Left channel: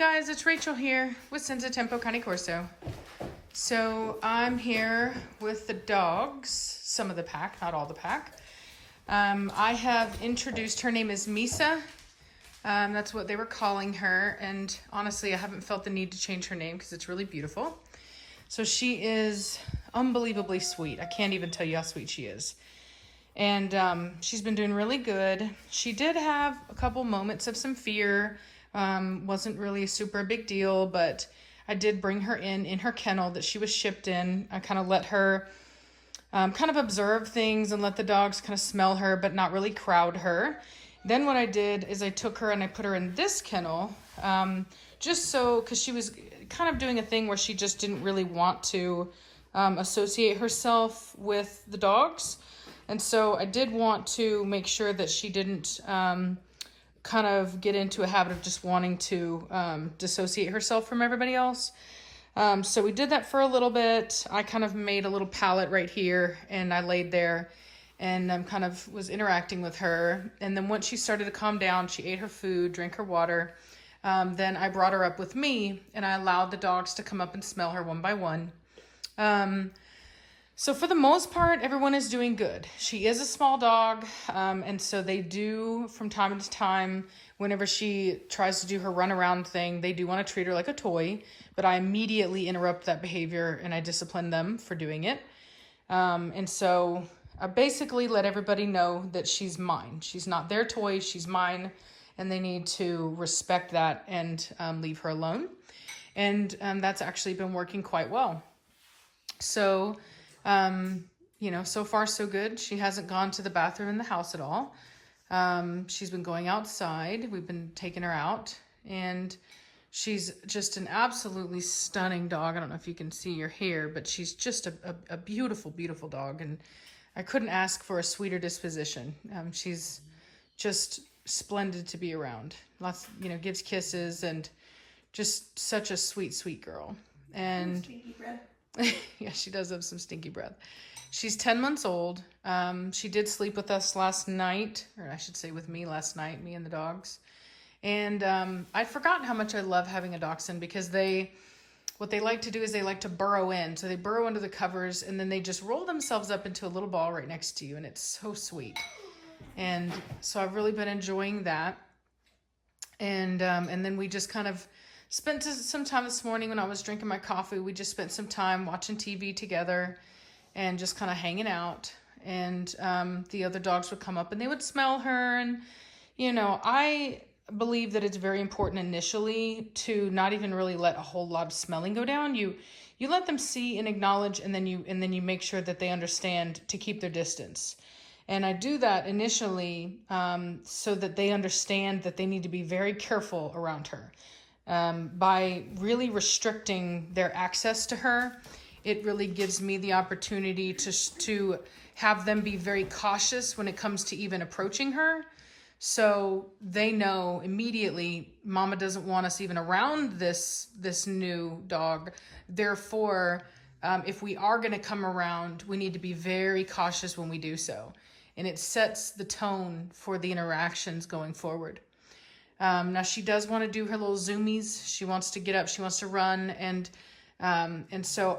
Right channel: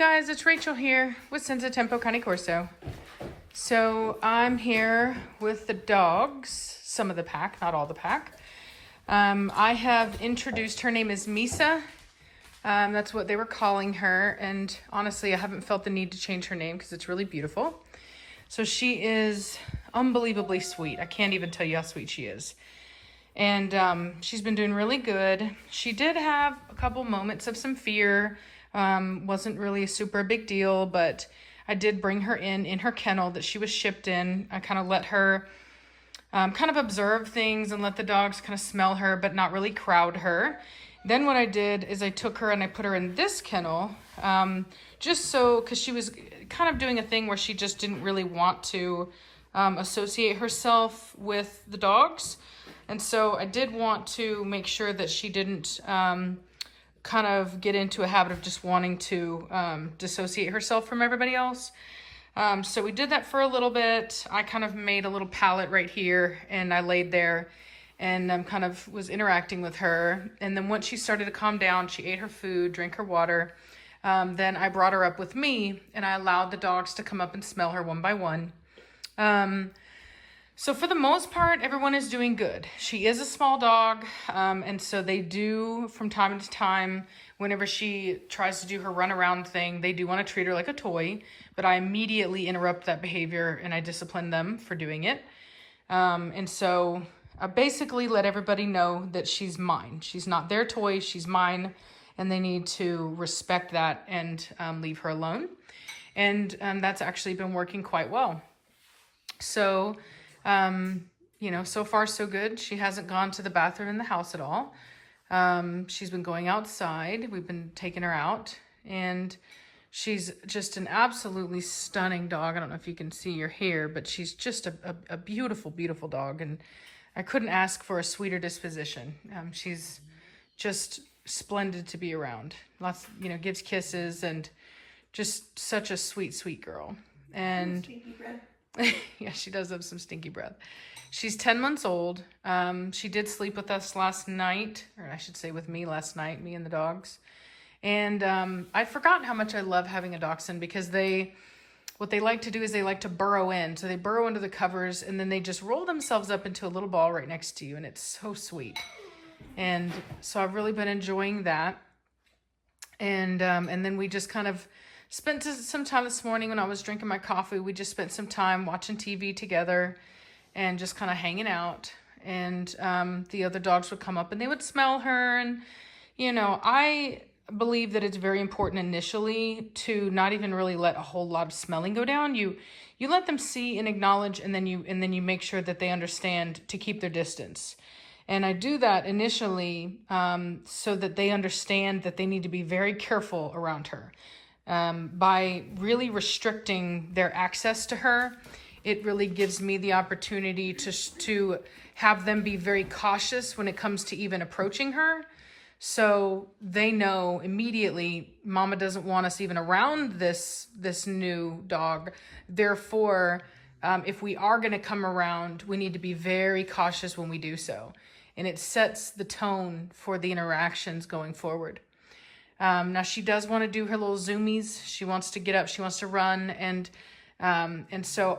guys, it's Rachel here with Senza Tempo Cane Corso. So I'm here with the dogs, some of the pack, not all the pack. I have introduced, her name is Misa. That's what they were calling her. And honestly, I haven't felt the need to change her name because it's really beautiful. So she is unbelievably sweet. I can't even tell you how sweet she is. And she's been doing really good. She did have a couple moments of some fear. Wasn't really a super big deal, but I did bring her in her kennel that she was shipped in. I kind of let her kind of observe things and let the dogs kind of smell her, but not really crowd her. Then what I did is I took her and I put her in this kennel, just so, because she was kind of doing a thing where she just didn't really want to associate herself with the dogs. And so I did want to make sure that she didn't kind of get into a habit of just wanting to dissociate herself from everybody else. So we did that for a little bit. I kind of made a little pallet right here and I laid there and kind of was interacting with her. And then once she started to calm down, she ate her food, drank her water. Then I brought her up with me and I allowed the dogs to come up and smell her one by one. So for the most part, everyone is doing good. She is a small dog, and so they do, from time to time, whenever she tries to do her run around thing, they do want to treat her like a toy, but I immediately interrupt that behavior and I discipline them for doing it. And so I basically let everybody know that she's mine. She's not their toy, she's mine, and they need to respect that and leave her alone. And that's actually been working quite well. So... you know, so far so good. She hasn't gone to the bathroom in the house at all. She's been going outside. We've been taking her out and she's just an absolutely stunning dog. I don't know if you can see her hair, but she's just a beautiful, beautiful dog. And I couldn't ask for a sweeter disposition. She's just splendid to be around. Lots, you know, gives kisses and just such a sweet, sweet girl. And stinky breath. Yeah, she does have some stinky breath. She's 10 months old. She did sleep with us last night, or I should say with me last night, me and the dogs. And I'd forgotten how much I love having a dachshund because what they like to do is they like to burrow in. So they burrow under the covers and then they just roll themselves up into a little ball right next to you. And it's so sweet. And so I've really been enjoying that. And then we just kind of spent some time this morning when I was drinking my coffee. We just spent some time watching TV together and just kind of hanging out. And the other dogs would come up and they would smell her. And, you know, I believe that it's very important initially to not even really let a whole lot of smelling go down. You let them see and acknowledge, and then you make sure that they understand to keep their distance. And I do that initially so that they understand that they need to be very careful around her. By really restricting their access to her, it really gives me the opportunity to have them be very cautious when it comes to even approaching her. So they know immediately, Mama doesn't want us even around this new dog. Therefore, if we are going to come around, we need to be very cautious when we do so. And it sets the tone for the interactions going forward. Now she does want to do her little zoomies. She wants to get up, she wants to run. And so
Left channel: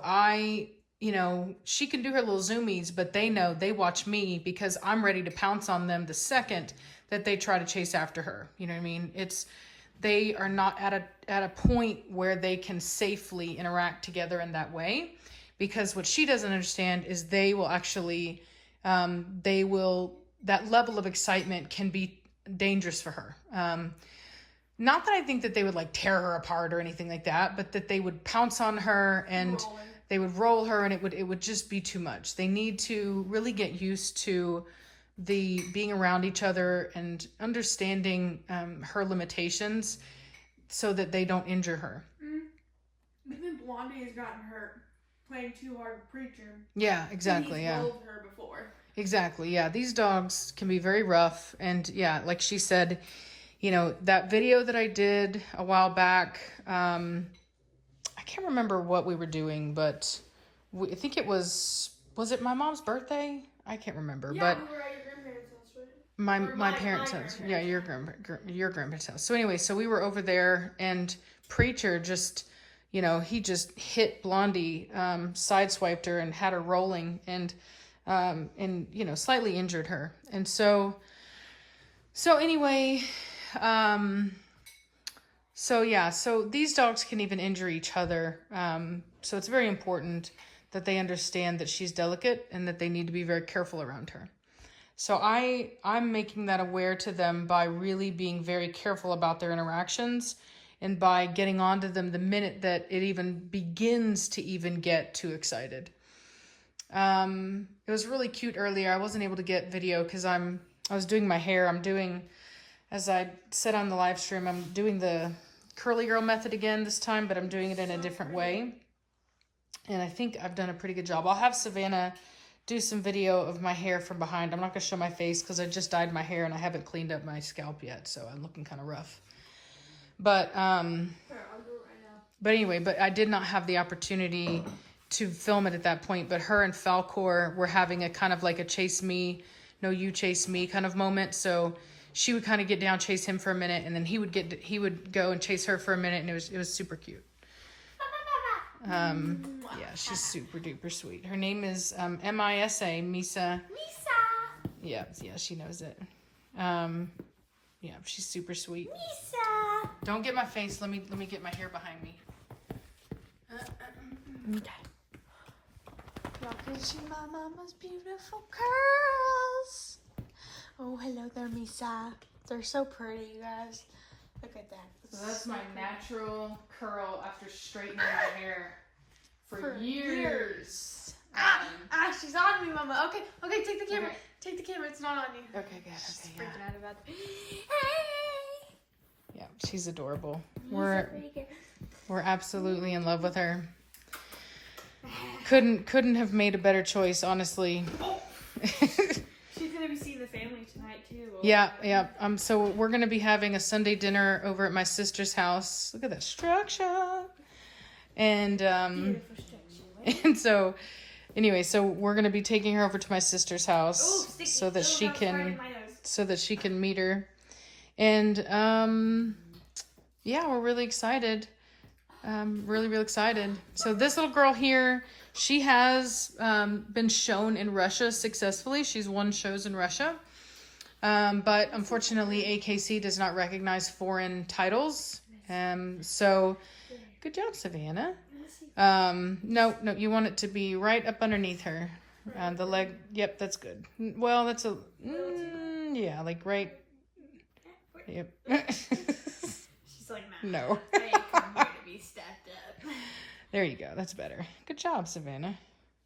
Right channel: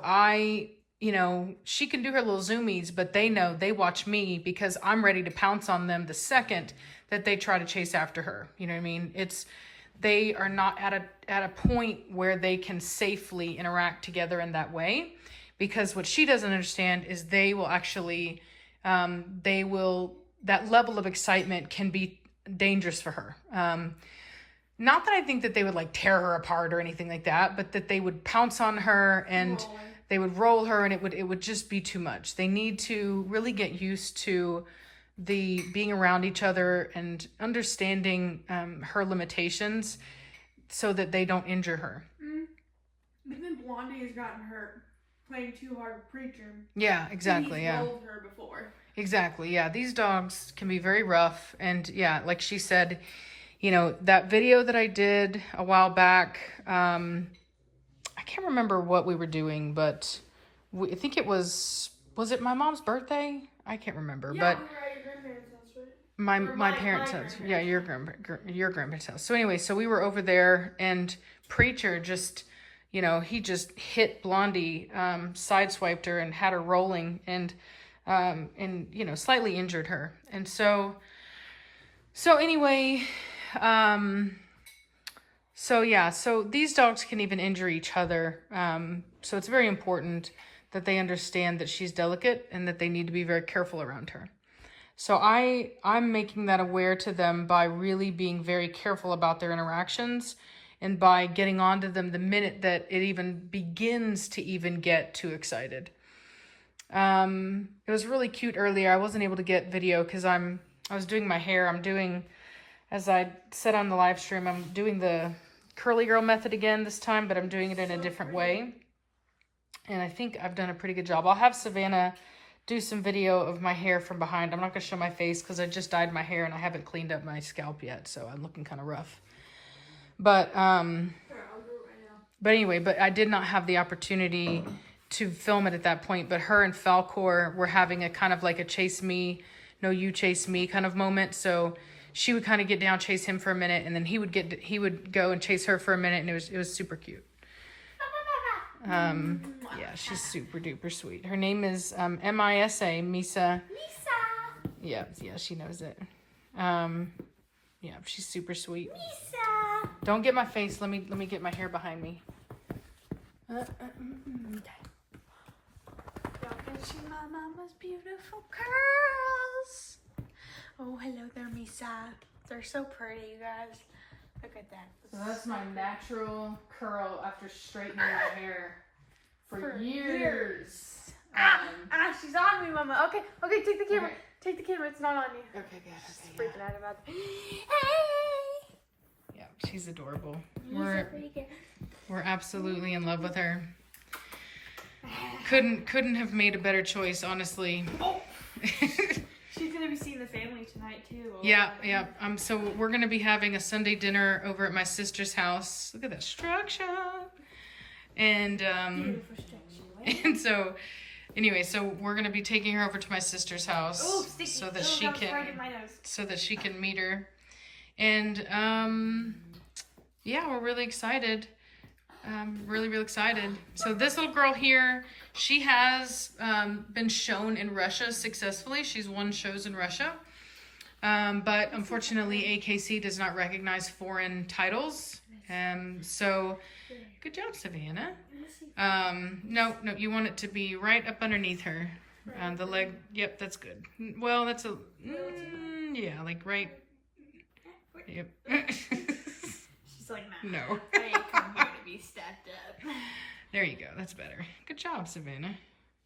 you know, she can do her little zoomies, but they know, they watch me because I'm ready to pounce on them the second that they try to chase after her. You know what I mean? They are not at a point where they can safely interact together in that way, because what she doesn't understand is they will actually, that level of excitement can be dangerous for her. Not that I think that they would like tear her apart or anything like that, but that they would pounce on her and they would roll her, and it would just be too much. They need to really get used to the being around each other and understanding her limitations so that they don't injure her. Even Blondie has gotten hurt playing too hard with Preacher. Yeah, exactly. He's yeah. rolled her before. Exactly. Yeah. These dogs can be very rough. And yeah, like she said, you know, that video that I did a while back, I can't remember what we were doing, but I think it was it my mom's birthday? I can't remember. Yeah, but we were at your grandparents' house, right? My parents' house. Yeah, your grandparents' house. So anyway, so we were over there and Preacher just, you know, he just hit Blondie, sideswiped her and had her rolling and, you know, slightly injured her. And so anyway, so yeah, so these dogs can even injure each other. So it's very important that they understand that she's delicate and that they need to be very careful around her. So I'm making that aware to them by really being very careful about their interactions and by getting onto them the minute that it even begins to even get too excited. It was really cute earlier. I wasn't able to get video because I was doing my hair. I'm doing, as I said on the live stream, I'm doing the curly girl method again this time, but I'm doing it in a different way. And I think I've done a pretty good job. I'll have Savannah do some video of my hair from behind. I'm not going to show my face because I just dyed my hair and I haven't cleaned up my scalp yet, so I'm looking kind of rough. But anyway, but I did not have the opportunity to film it at that point. But her and Falcor were having a kind of like a chase me, no you chase me kind of moment. So she would kind of get down, chase him for a minute, and then he would go and chase her for a minute, and it was super cute. Yeah, she's super duper sweet. Her name is Misa. Misa. Yeah, she knows it. Yeah, she's super sweet. Misa. Don't get my face. Let me get my hair behind me. Okay. Welcome to my mama's beautiful curls. Oh, hello there, Misa. They're so pretty, you guys. Look at that. So that's my natural curl after straightening my hair for years. She's on me, Mama. Okay, take the camera. Okay. Take the camera. It's not on you. Okay, good. She's Okay, freaking out about it. yeah, she's adorable. Hey! We're absolutely in love with her. Couldn't have made a better choice, honestly. Oh. She's gonna be seeing the family tonight too. Yeah. So we're gonna be having a Sunday dinner over at my sister's house. Look at that structure. And and so anyway, so we're gonna be taking her over to my sister's house so that she can meet her. And yeah, we're really excited. Really excited. So this little girl here, she has been shown in Russia successfully. She's won shows in Russia. But unfortunately, AKC does not recognize foreign titles. So good job, Savannah. No, you want it to be right up underneath her. The leg. Yep, that's good. Well, that's a, yeah, like right. Yep. She's like, nah. No. I ain't come here to be stepped up. There you go. That's better. Good job, Savannah.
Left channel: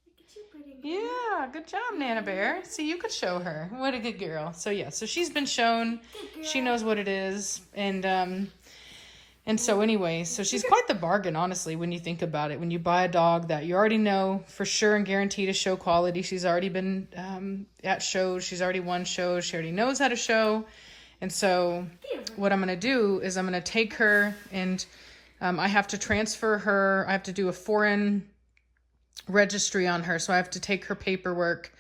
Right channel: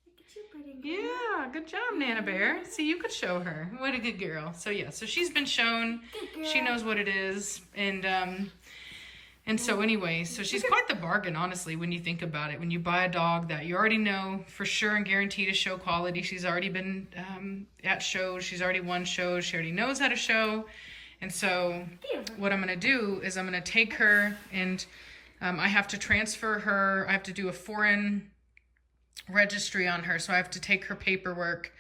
Look at you, pretty girl. Yeah, good job, Nana Bear. See, you could show her. What a good girl. So yeah, so she's been shown. Good girl. She knows what it is, and so anyway, so she's quite the bargain, honestly, when you think about it. When you buy a dog that you already know for sure and guaranteed to show quality. She's already been at shows. She's already won shows. She already knows how to show. And so what I'm going to do is I'm going to take her and I have to transfer her. I have to do a foreign registry on her. So I have to take her paperwork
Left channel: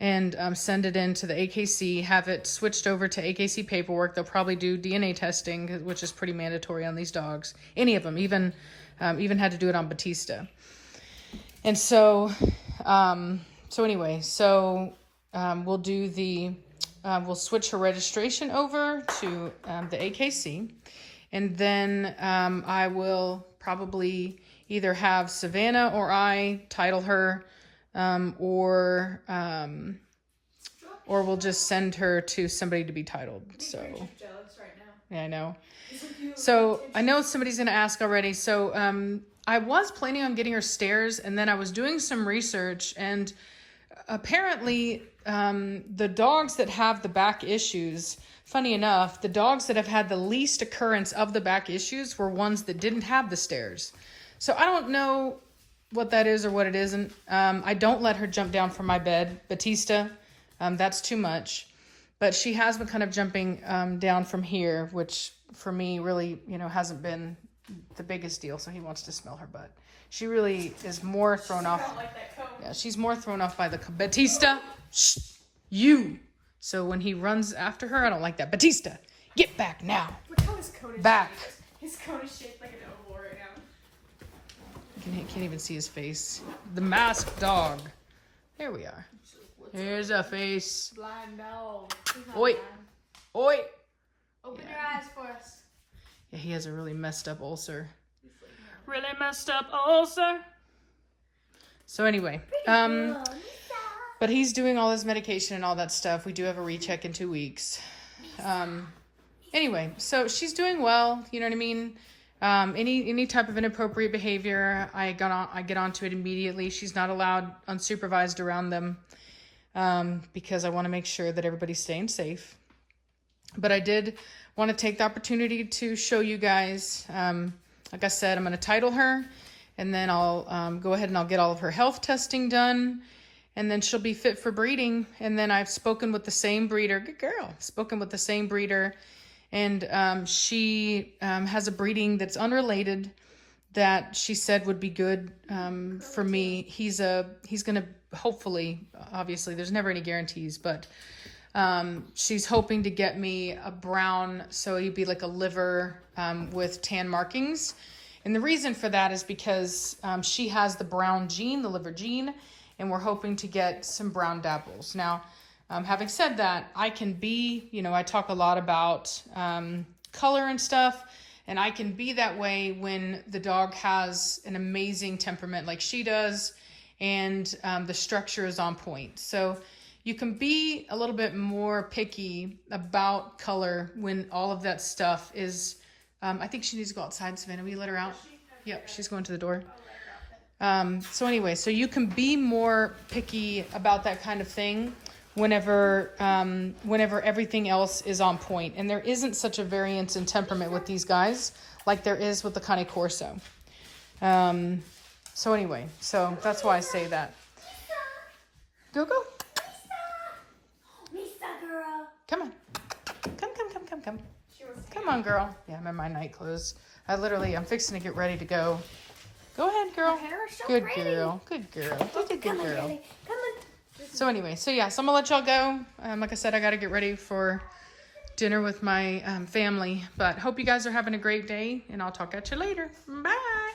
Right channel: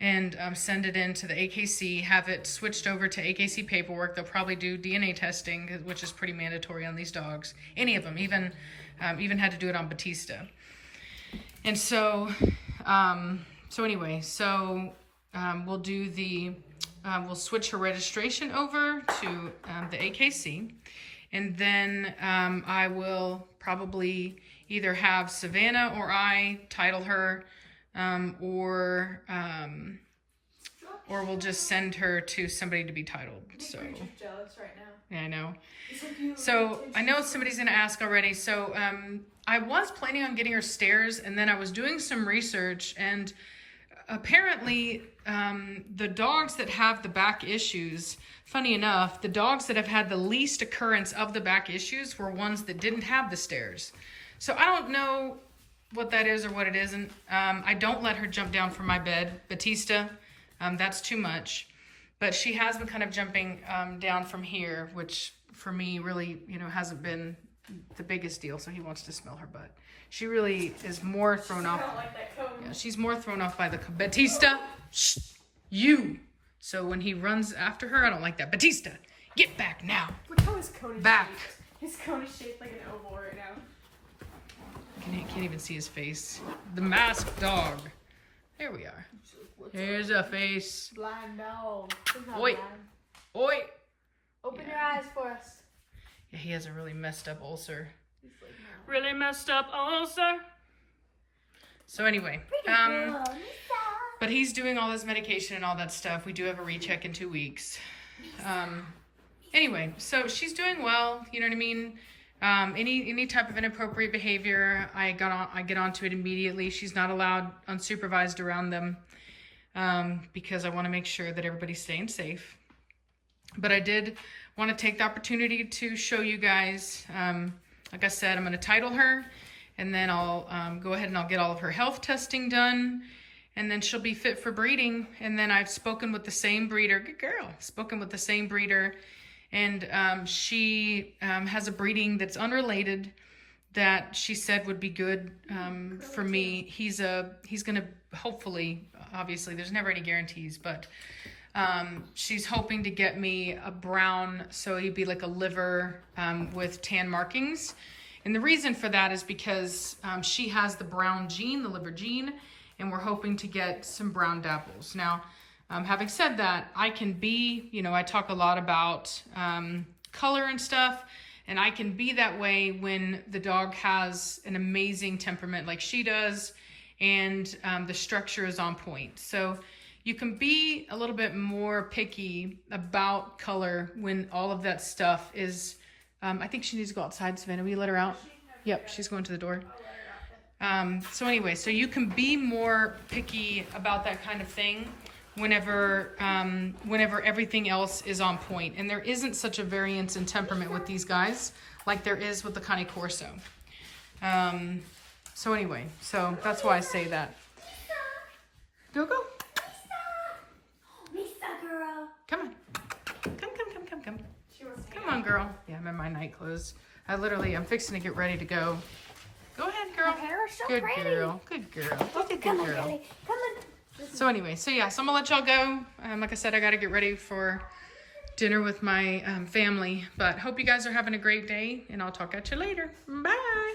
and send it in to the AKC, have it switched over to AKC paperwork. They'll probably do DNA testing, which is pretty mandatory on these dogs. Any of them, even had to do it on Batista. And so, anyway, we'll do the, we'll switch her registration over to the AKC. And then I will probably either have Savannah or I title her, or we'll just send her to somebody to be titled. So Jealous right now. yeah, I know. So I know somebody's gonna ask already. So I was planning on getting her stairs, and then I was doing some research, and apparently the dogs that have the back issues, funny enough, the dogs that have had the least occurrence of the back issues were ones that didn't have the stairs. So I don't know what that is or what it isn't. I don't let her jump down from my bed. Batista, that's too much. But she has been kind of jumping down from here, which for me really, hasn't been the biggest deal. So he wants to smell her butt. She really is more thrown off. Yeah, she's more thrown off by the Batista. Shh, you. So when he runs after her, I don't like that. Batista, get back now. Look how his cone is back. shaped. His cone is shaped like an oval. Can't even see his face. The masked dog. There we are. Here's a face. Blind dog. Oi. Oi. Open your eyes for us. Yeah, he has a really messed up ulcer. Really messed up ulcer. So anyway, but he's doing all his medication and all that stuff. We do have a recheck in 2 weeks. Anyway, so she's doing well. You know what I mean? Any type of inappropriate behavior, I get onto it immediately. She's not allowed unsupervised around them because I want to make sure that everybody's staying safe. But I did want to take the opportunity to show you guys. Like I said, I'm going to title her, and then I'll go ahead and I'll get all of her health testing done, and then she'll be fit for breeding. And then I've spoken with the same breeder. Good girl. Spoken with the same breeder. And she has a breeding that's unrelated that she said would be good for me. He's gonna hopefully, obviously there's never any guarantees, but she's hoping to get me a brown, so he'd be like a liver with tan markings. And the reason for that is because she has the brown gene, the liver gene, and we're hoping to get some brown dapples. Now, having said that, I can be, I talk a lot about color and stuff, and I can be that way when the dog has an amazing temperament like she does, and the structure is on point. So you can be a little bit more picky about color when all of that stuff is, I think she needs to go outside. Savannah, will you let her out? Yep, she's going to the door. So anyway, so you can be more picky about that kind of thing whenever everything else is on point. And there isn't such a variance in temperament with these guys like there is with the Cane Corso. So anyway, so that's why I say that. Go. Girl. Come on. Come. Come on, girl. Yeah, I'm in my night clothes. I'm fixing to get ready to go. Go ahead, girl. Her hair is so Good pretty. girl. Good girl. Look at good Come on, girl. Billy. Come on. So anyway, so yeah, so I'm gonna let y'all go. Like I said, I gotta get ready for dinner with my family. But hope you guys are having a great day, and I'll talk at you later. Bye.